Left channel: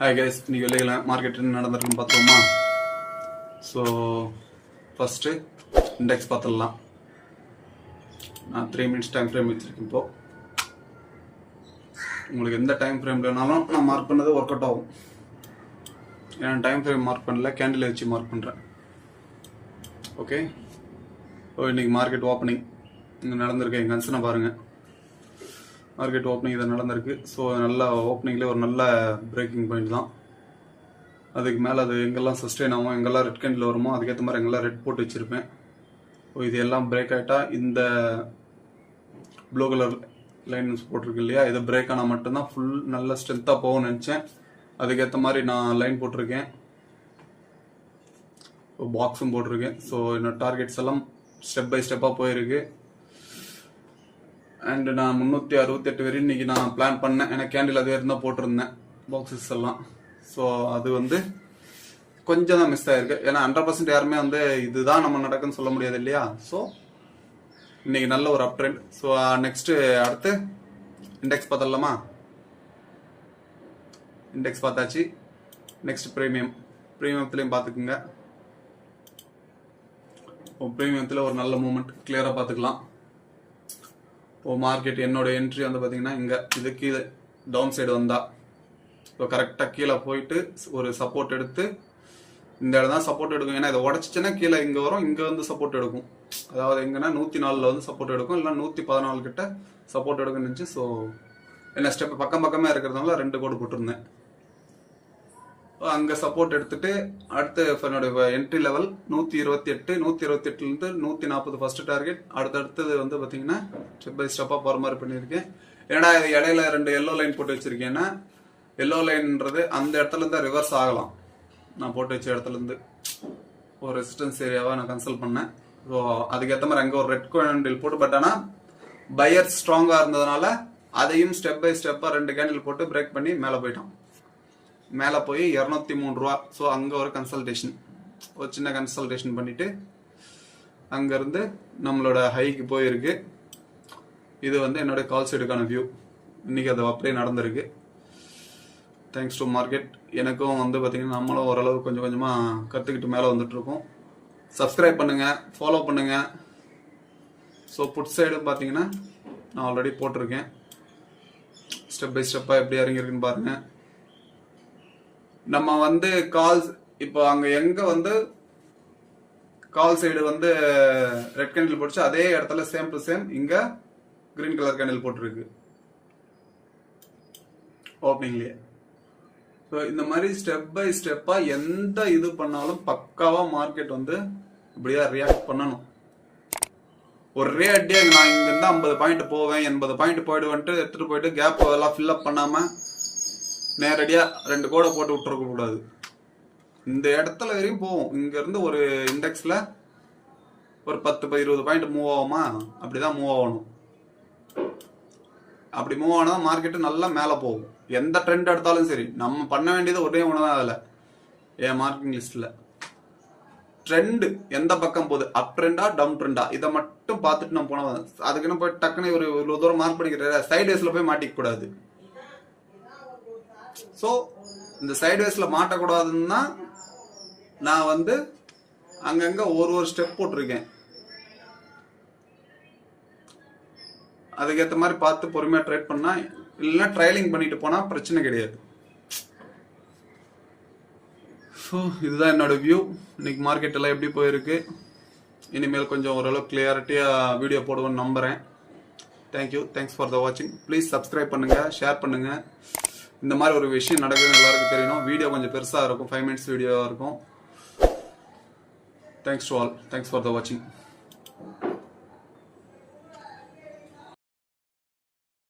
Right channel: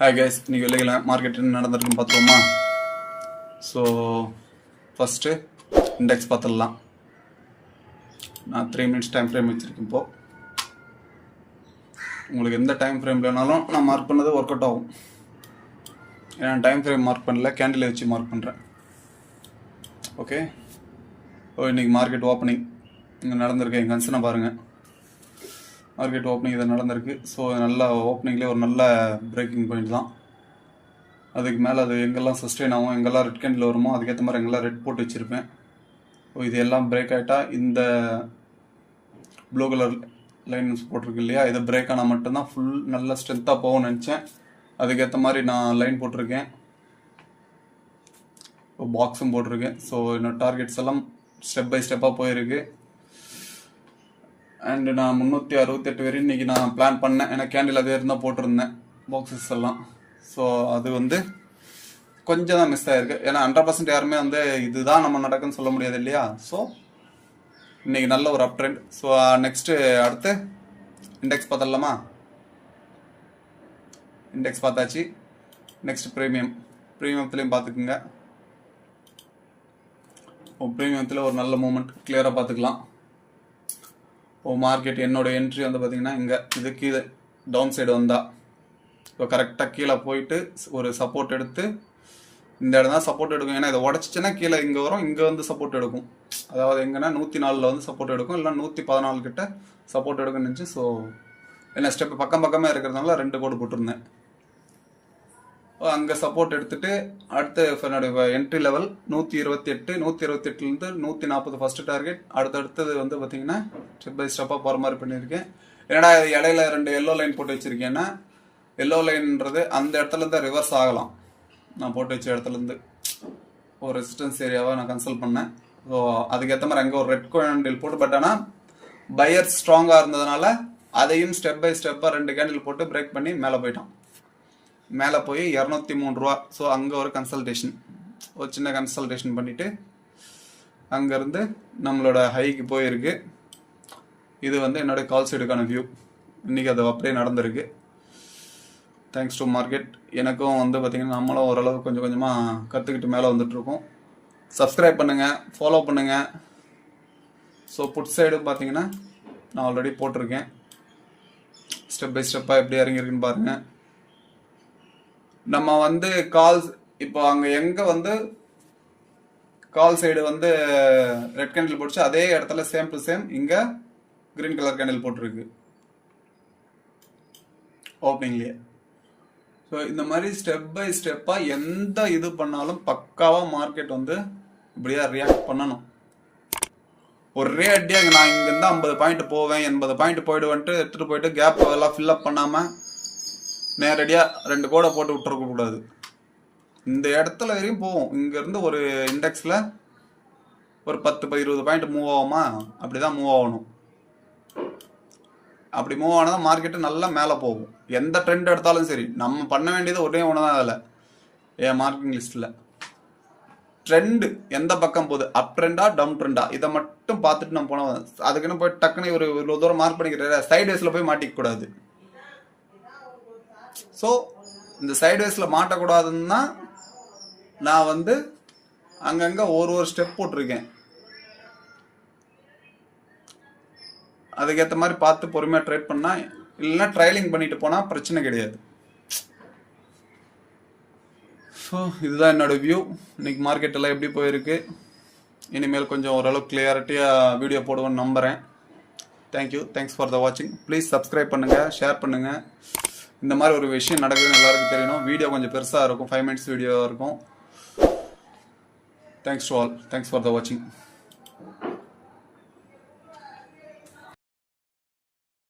Hi guys, இன்னைக்கு வெளியில market என்ன நடந்துருக்குன்னு பார்த்தோமா. ஸோ ஃபர்ஸ்ட் இண்டெக்ஸ் பார்த்துடலாம். நான் 3 minutes டைம் ஃப்ரேம் வச்சிருக்கேன். இப்போ உங்களுக்கு எந்த டைம் ஃப்ரேம் வேணாலும் நான் மார்க் பண்ணது ஒர்க் அவுட் ஆகும். ஏன்னா டைம் ஃப்ரேம் மார்க் பண்ணல, கேண்டில் வச்சு மார்க் பண்ணுறேன். ஓகே, இன்னைக்கு மார்க்கெட் ஓப்பனிங் இங்கே நடந்திருக்கு. எங்கள் கன்சனை பாருங்கள். மார்க்கெட் ஓப்பனிங் இது நடந்திருக்கு. ஸோ நல்ல ஓப்பனிங்லேயே ஒரு நல்ல பிரேக்கிங் பாயிண்ட் தான். அதுக்கு மேலே அது எங்கெல்லாம் சஸ்டெயின் ஆகும், எங்கெல்லாம் ரெட் கேண்டில் வருமோ அதுக்கேற்ற மாதிரி எங்கெல்லாம் ரெட் போட்டு வச்சுருப்பேன். இது எல்லாம் பிரேக் ஆகிட்டா இந்த ப்ளூ கலர் லைன்ஸ் போட்டிருக்கு இல்லையா, இது பிரேக் ஆனால் மட்டும்தான் ஃபுல் நல்ல ஸ்ட்ரென்த்தாக போகும்னு நினச்சேன். அதுக்கேற்ற மாதிரி நான் லைன் போட்டிருக்கேன், பாக்ஸும் போட்டிருக்கேன். ஸோ என்னோட டார்கெட்ஸ் எல்லாம் ஸ்டெப் பை ஸ்டெப்பாக போயிருக்கு. அண்டு நான் 368 வரையும் இன்றைக்கி நான் பிளான் பண்ணேன். ஏன்னா கேண்டில் அதே இருந்தால் போட்டிருந்தேன் பாக்ஸஸ் எல்லாம். ஸோ அது கொஞ்சம் தான் மிஸ் ஆகிருக்கு. ஏன்னா 100% யாருமே இதுதான் நம்ம நடக்குன்னு சொல்ல முடியாது இல்லையா. ஸோ இன்றைக்கி நல்ல ஒரு அப் ட்ரெண்ட். ஸோ நெக்ஸ்ட்டு அடுத்து இண்டெக்ஸ் பார்த்துடலாமா. இண்டெக்ஸ் பார்த்தாச்சு. நெக்ஸ்ட் ப்ரீமியத்துலேயும் பார்த்துக்குங்க. ப்ரீமியத்தில் ஒரு நல்ல மூமெண்ட் கிளியராக பார்த்துக்கலாம். மார்க்கெட் என்னோட என்ட்ரி பார்த்தீங்கன்னா இங்கே இது கீழே டவுன் சைடு வந்தால் இப்போ கரெக்டாக கீழே போயிட்டு ஒரு சப்போர்ட் எடுத்து இந்த இடம் தான் சப்போர்ட் எடுக்கும். ஏன்னா இதை உடச்சிச்சுன்னா கீழே இங்கே வரும், இங்கே சப்போர்ட் எடுக்கும். அதாவது எங்கன்னா 104 சப்போர்ட் எடுக்கும், இல்லை 114 கிட்ட சப்போர்ட் எடுக்குன்னு இருந்துச்சு. ஸோ என்ன ஸ்டெப் பக்கமே இருக்கிறதுனால 2 கோடு போட்டிருந்தேன். அங்கே சப்போர்ட் எடுத்துட்டு அடுத்து என்னோட என்ட்ரி லெவல் 128, 128லேருந்து 140 ஃபர்ஸ்ட் டார்கெட். அடுத்தது பார்த்தீங்கன்னா ஸ்டெப் பை ஸ்டெப்பாக போகிற மாதிரி பண்ணியிருக்கேன். ஏன்னா இது இடையில 2 எல்லோ லைன் போட்டு வச்சுருக்கேன்னா எல்லோ லைன்ன்றது அந்த இடத்துலேருந்து ரிவர்ஸ் ஆகலாம். நான் போட்டு வச்ச இடத்துலேருந்து ஒரு ரெசிஸ்டன்ஸ் ஏரியாவை நான் கன்சல்ட் பண்ணேன். ஸோ அதுக்கேற்ற மாதிரி அங்கே ஒரு ரெட் கேண்டில் போட்டு, பட் ஆனால் பையர் ஸ்ட்ராங்காக இருந்ததுனால அதையும் ஸ்டெப் பை ஸ்டெப்பாக 2 கேண்டில் போட்டு பிரேக் பண்ணி மேலே போயிட்டான். மேலே போய் 203 ரூபா. ஸோ அங்கே ஒரு கன்சல்டேஷன், ஒரு சின்ன கன்சல்டேஷன் பண்ணிவிட்டு அங்கேருந்து நம்மளோட ஹைக்கு போயிருக்கு. இது என்னோட கால் சைடுக்கான வியூ. இன்றைக்கி அது அப்படியே நடந்திருக்கு. Thanks to market. எனக்கும் பார்த்தீங்கன்னா நம்மளும் ஓரளவு கொஞ்சம் கொஞ்சமாக கற்றுக்கிட்டு மேலே வந்துட்டுருக்கோம். சப்ஸ்கிரைப் பண்ணுங்கள், ஃபாலோ பண்ணுங்கள். ஸோ புட் சைடு பார்த்தீங்கன்னா நான் ஆல்ரெடி போட்டிருக்கேன். ஸ்டெப் பை ஸ்டெப்பாக எப்படி இறங்கியிருக்குன்னு பாருங்கள். நம்ம கால்ஸ் இப்போ அங்கே எங்கே கால் சைடு ரெட் கேண்டில் போட்டுச்சு, அதே இடத்துல சேம் டு சேம் இங்கே கிரீன் கலர் கேண்டில் போட்டிருக்கு ஓப்பனிங்லேயே. ஸோ இந்த மாதிரி ஸ்டெப் பை ஸ்டெப்பாக எந்த இது பண்ணாலும் பக்காவாக மார்க்கெட் இப்படியே ரியாக்ட் பண்ணணும். ஒரே அடியாக நான் இங்கேருந்து 50 பாயிண்ட் போவேன், 80 பாயிண்ட் போயிடுவேன்ட்டு எடுத்துகிட்டு போயிட்டு கேப் எல்லாம் ஃபில்லப் பண்ணாமல் நேரடியாக 2 கோடை போட்டு விட்டுருக்கக்கூடாது. இந்த இடத்துல வரையும் போவோம். இங்கேருந்து ஒரு இண்டெக்ஸில் ஒரு 10-20 பாயிண்ட் மூவ் ஆகுமா, அப்படி தான் மூவ் ஆகணும். அப்படி மூவ் ஆனால் மார்க்கெட்டு நல்லா மேலே போகும். எந்த ட்ரெண்ட் எடுத்தாலும் சரி, நம்ம பண்ண வேண்டியது ஒரே ஒன்று தான். அதில் என் மார்க்கிங் லிஸ்ட்டில் ட்ரெண்டு எந்த பக்கம் போகுது, அப் ட்ரெண்டா டவுன் ட்ரெண்டா, இதை மட்டும் பார்த்துட்டு நம்ம போனால், அதுக்குன்னு போய் டக்குன்னு ஒரு இவ்வளோ தூரம் மார்க் பண்ணிக்கிற சைட்வேஸில் போய் மாட்டிக்கக்கூடாது. ஸோ இந்த சைட்வேஸில் மாட்டக்கூடாதுன்னு தான் நான் அங்கங்கே ஒரு ஸ்டெப் போட்டிருக்கேன். அதுக்கேற்ற மாதிரி பார்த்து பொறுமையாக ட்ரேட் பண்ணால், இல்லைன்னா ட்ரைலிங் பண்ணிட்டு போனால் பிரச்சனை கிடையாது. ஸோ இதுதான் என்னோடய வியூ. இன்னைக்கு மார்க்கெட் எல்லாம் எப்படி போயிருக்கு. இனிமேல் கொஞ்சம் ஓரளவுக்கு கிளியாரிட்டியாக வீடியோ போடுவேன்னு நம்புகிறேன். தேங்க்ஸ் ஃபார் த வாட்சிங். ப்ளீஸ் சப்ஸ்கிரைப் பண்ணுங்கள், ஷேர் பண்ணுங்கள். இந்த மாதிரி ஒரு விஷயம் நடக்குதுன்னு எல்லாருக்கும் தெரியணும். வீடியோ கொஞ்சம் பெருசாக இருக்கும், 5 minutes வீடியோவாக இருக்கும். Thanks to all. Thanks for the வாட்சிங்.